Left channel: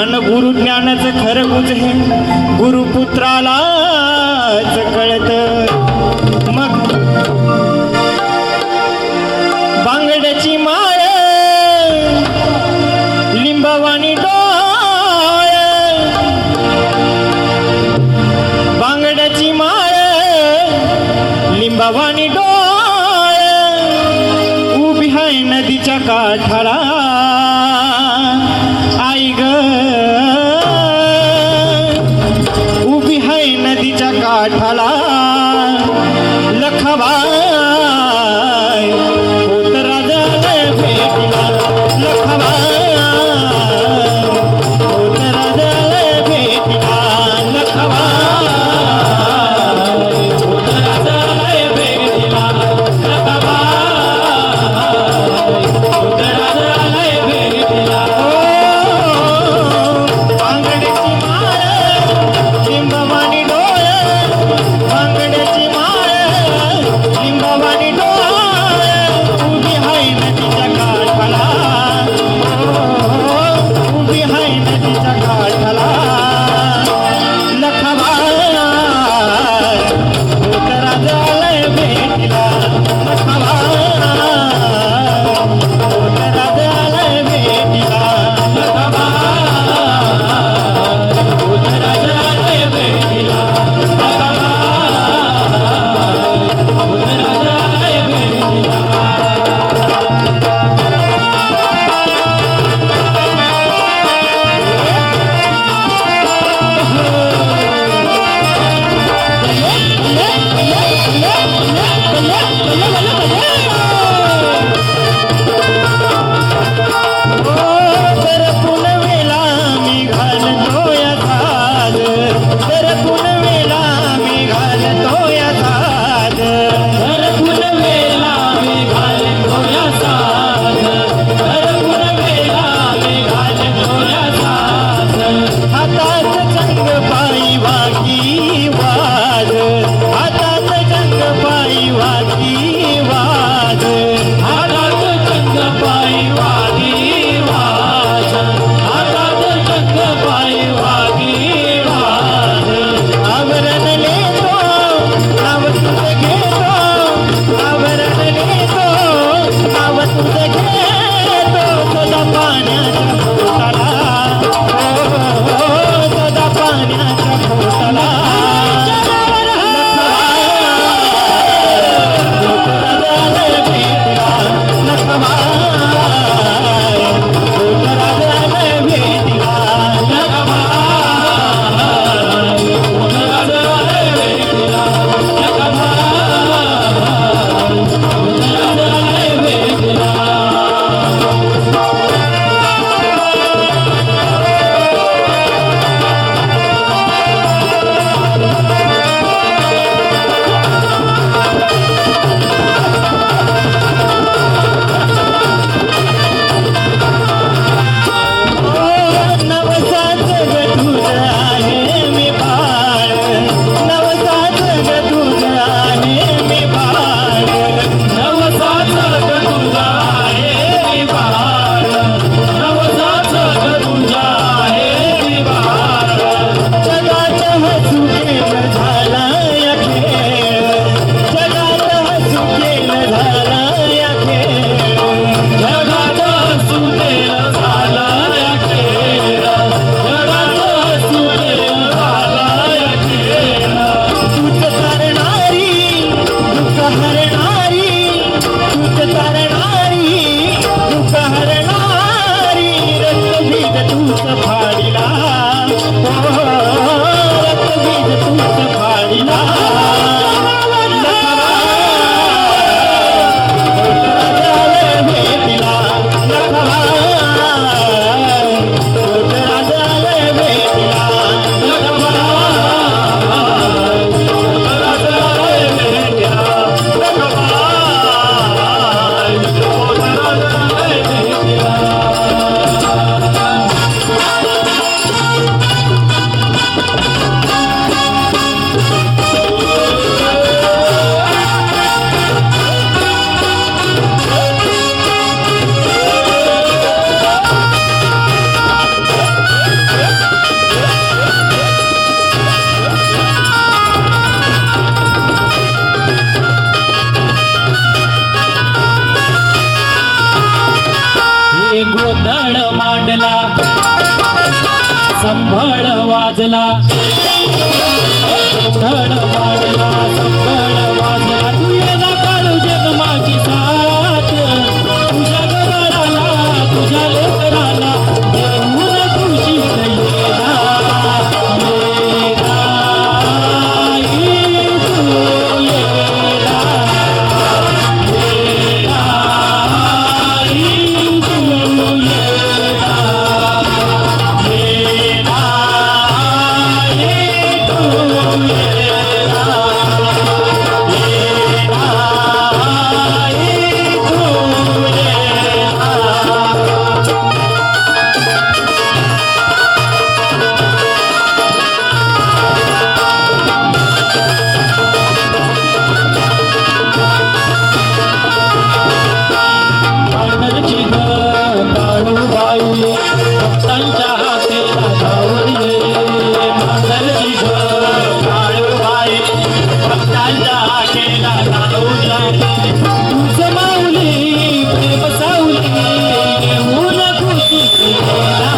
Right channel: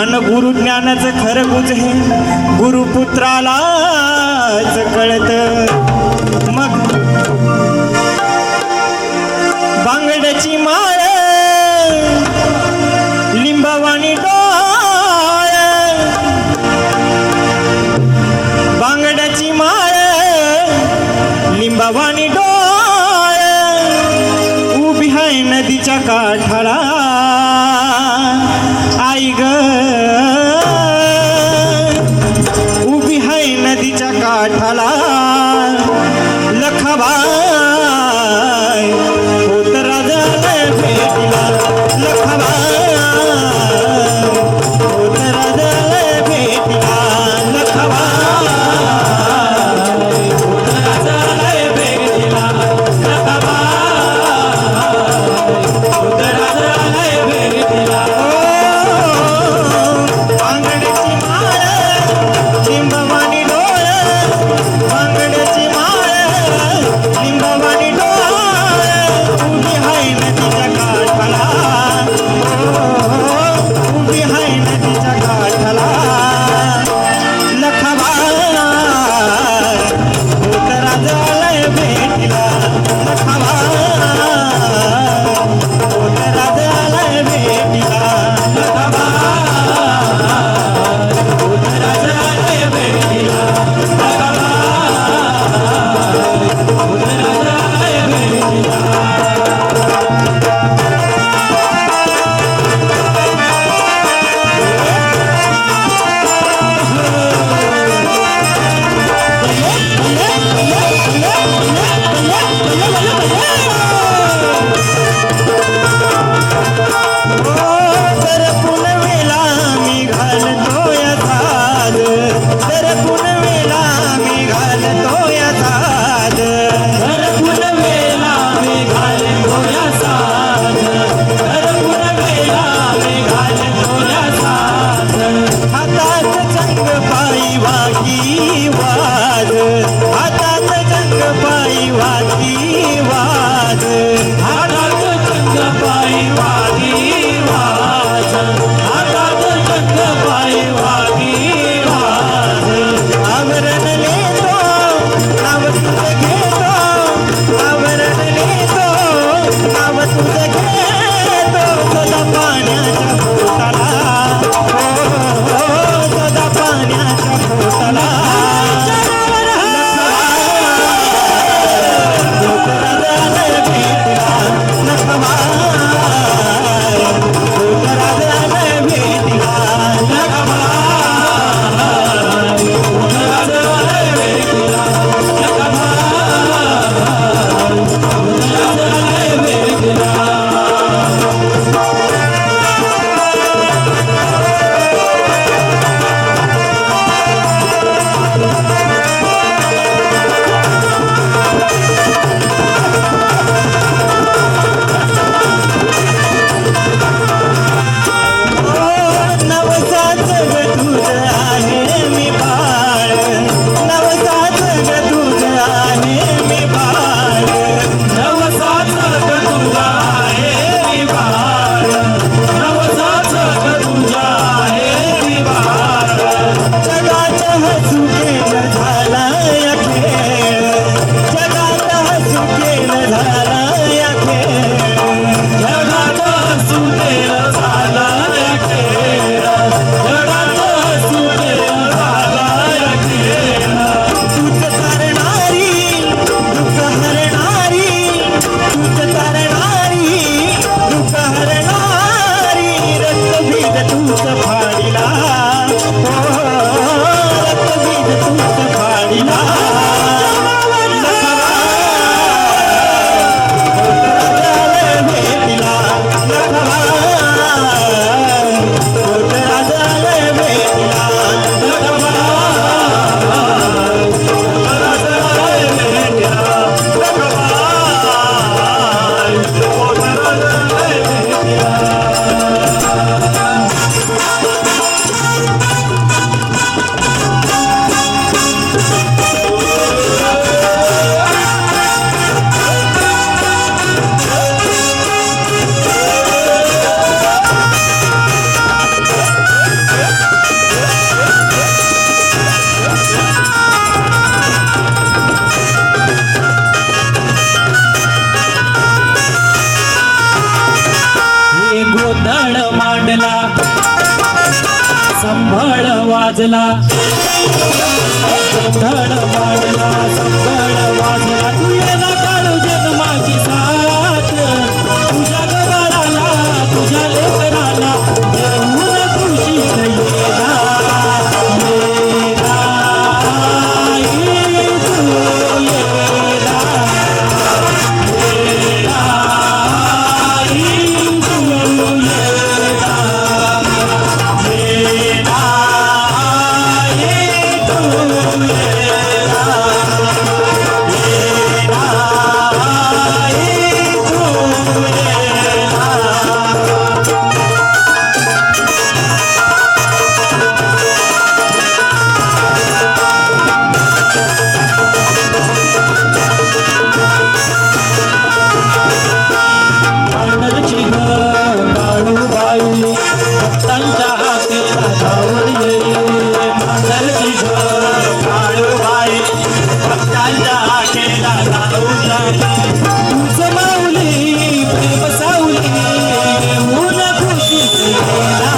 अन गुरु ज्ञानाचं खरं गुज हे गुरुपुत्रालाच कळत. मग बांगड्याची माळ लिंबावाणी डोळ, बांगड्याची माळ लिंबावाणी डोळ, उभी आहे नदीच्या काठाला आई ग, उभी आहे नदीच्या काठाला लखाबाई होत राजा संभाळ वाजला संभाळ वाजला संभाळ वाजला तू येला काळू जन्माची साथ तुझ्या गराला तुझ्या लेकराला देऊन खुशीत येला येला तू येला भक्तांच्या हाती राजावर ये मांगरची झोप काळूबाई भक्तांच्या हाती राजावर ये तुझं माऊली प्रेम सावली येऊन खुशीत येला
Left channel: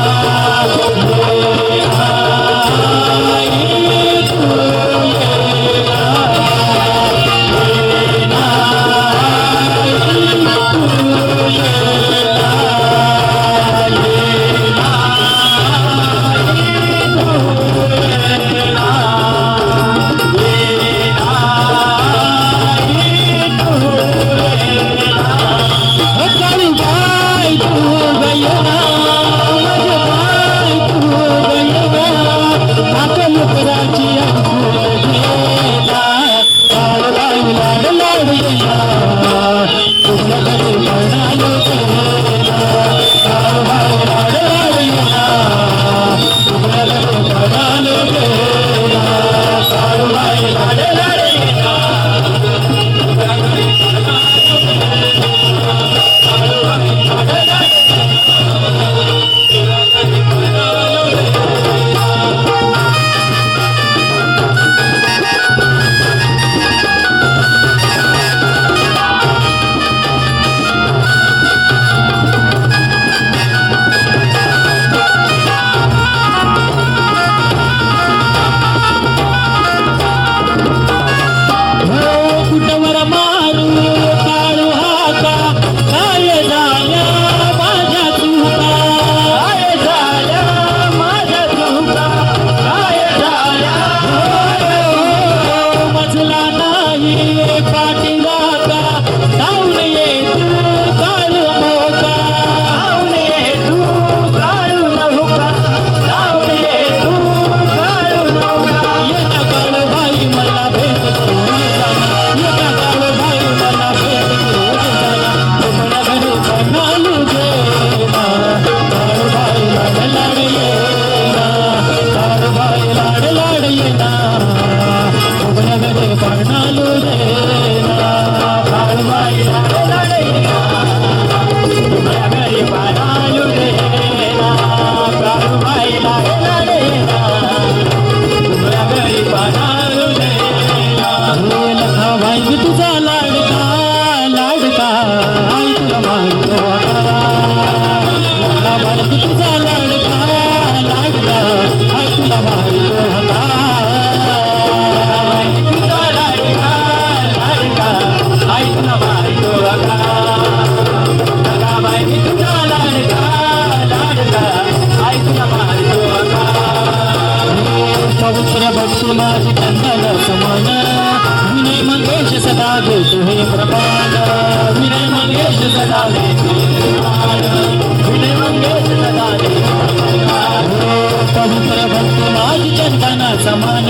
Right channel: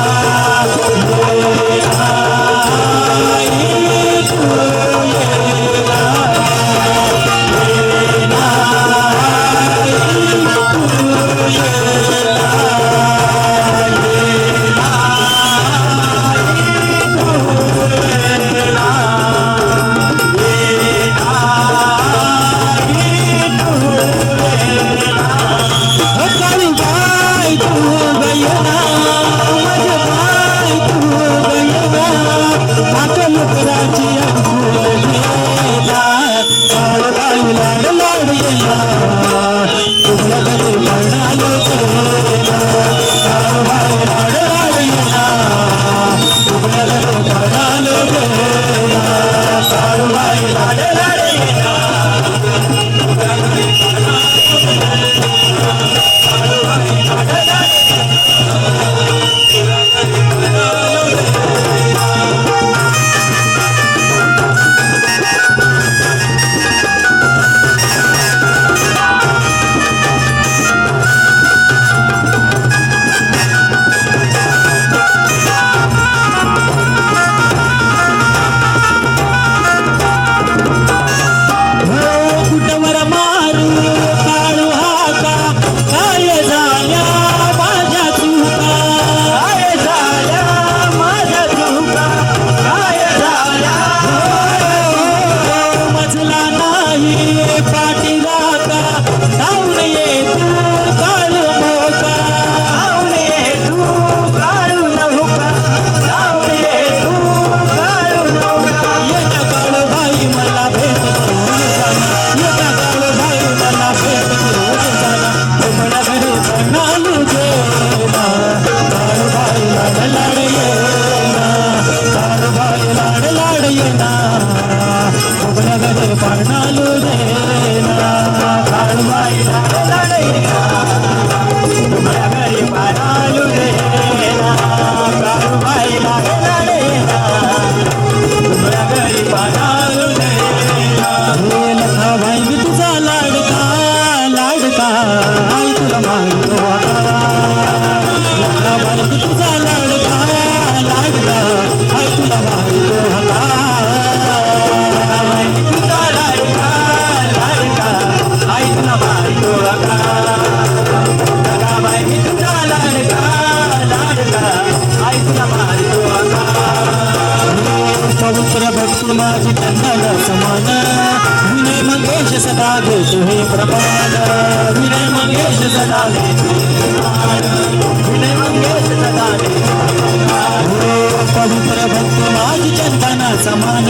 पवित्र भक्त माझी चंदन समान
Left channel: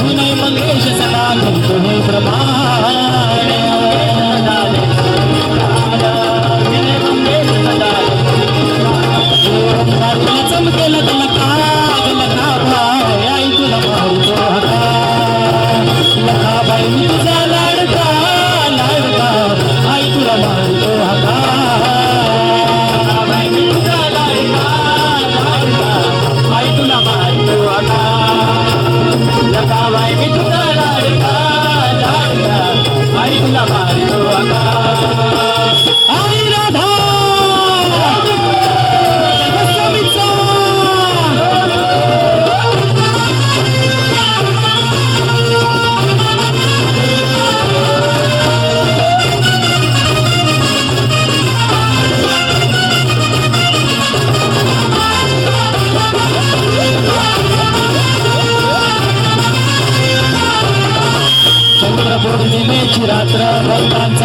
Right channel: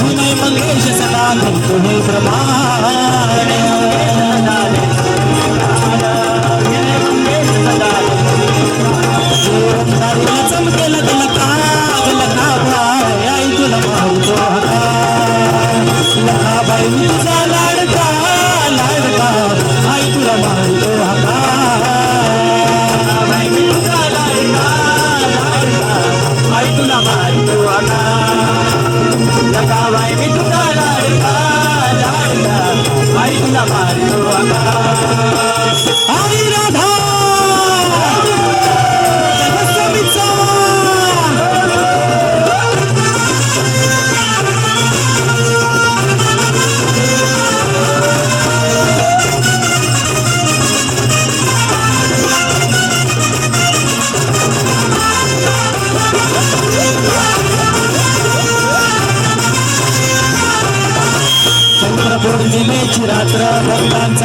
विनय मंगेश सदा तुम्ही प्रमाण चमकेल लखा आई तुला मारतो लखाबाई तुझा लाडका लाडका आई तुला मारतो हका तुझा लाडका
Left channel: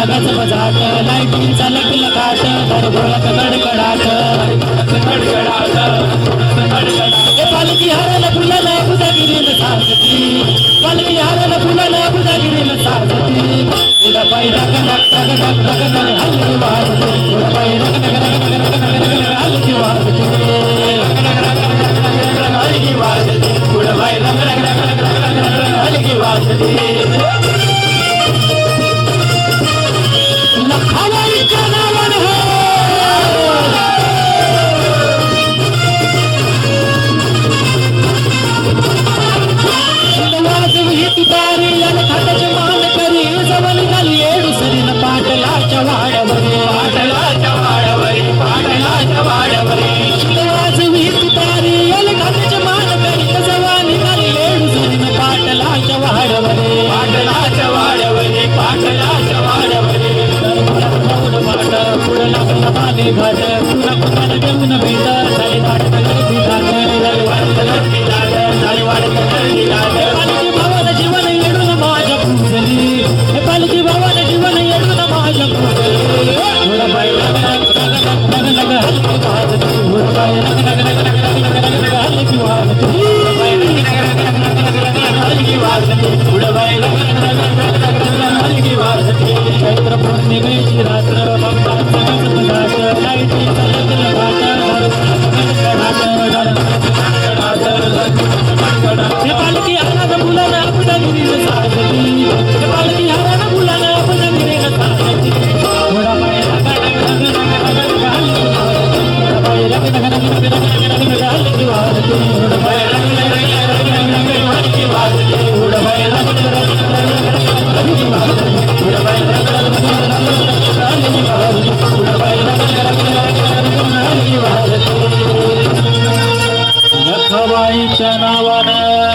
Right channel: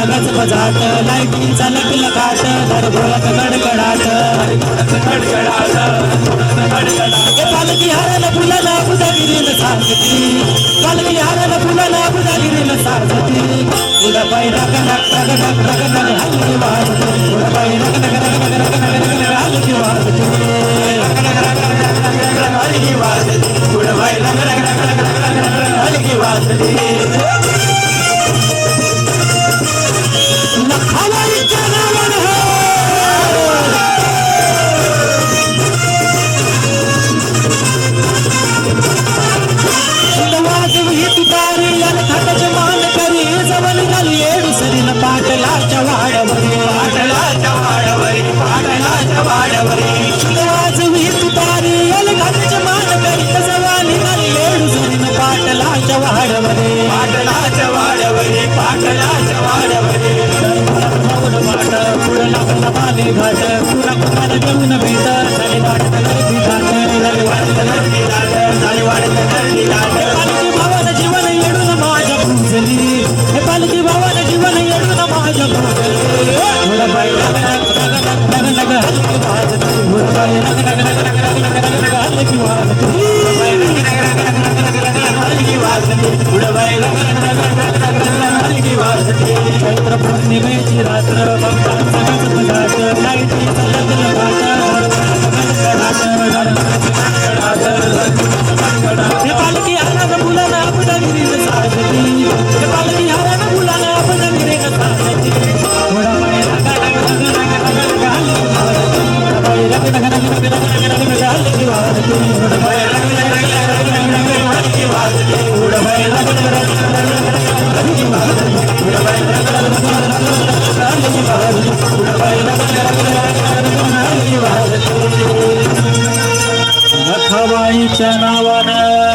गज बजाट लाईटीचा लकल काट भरभोळत कडकडाट पालखी हाराला फुलाला बुधागिरीला साजती पालखी हाराला फुलाला बुधागिरीला साजती उडा पाय हलकी वाजते उडा पाय हलकी वाजते लखावाई का नावन है तुतारी याला खाताचे मान करी जवळ झाली दुसरीनं पाटलाच्या वाड्यावरी वाजवी तुतारी याला खाताचे मान करी जवळ झाली दुसरीनं पाटलाच्या वाड्यावरी पुढं लागला पाणी घाट पुन्हा कुणाला देऊन भेट झाली भावाला जीवन येडून माझ्या पूजली हे पालखी भावाला जीवन येडून माझ्या पूजली थोडं बाय चैत्र पौर्णिमेची रात्र पालखी हारानं फुलाला बुधागिरीला साजती पालखी हारानं फुलाला बुधागिरीला साजती थोडा पाय लखाबाईच्या नावानं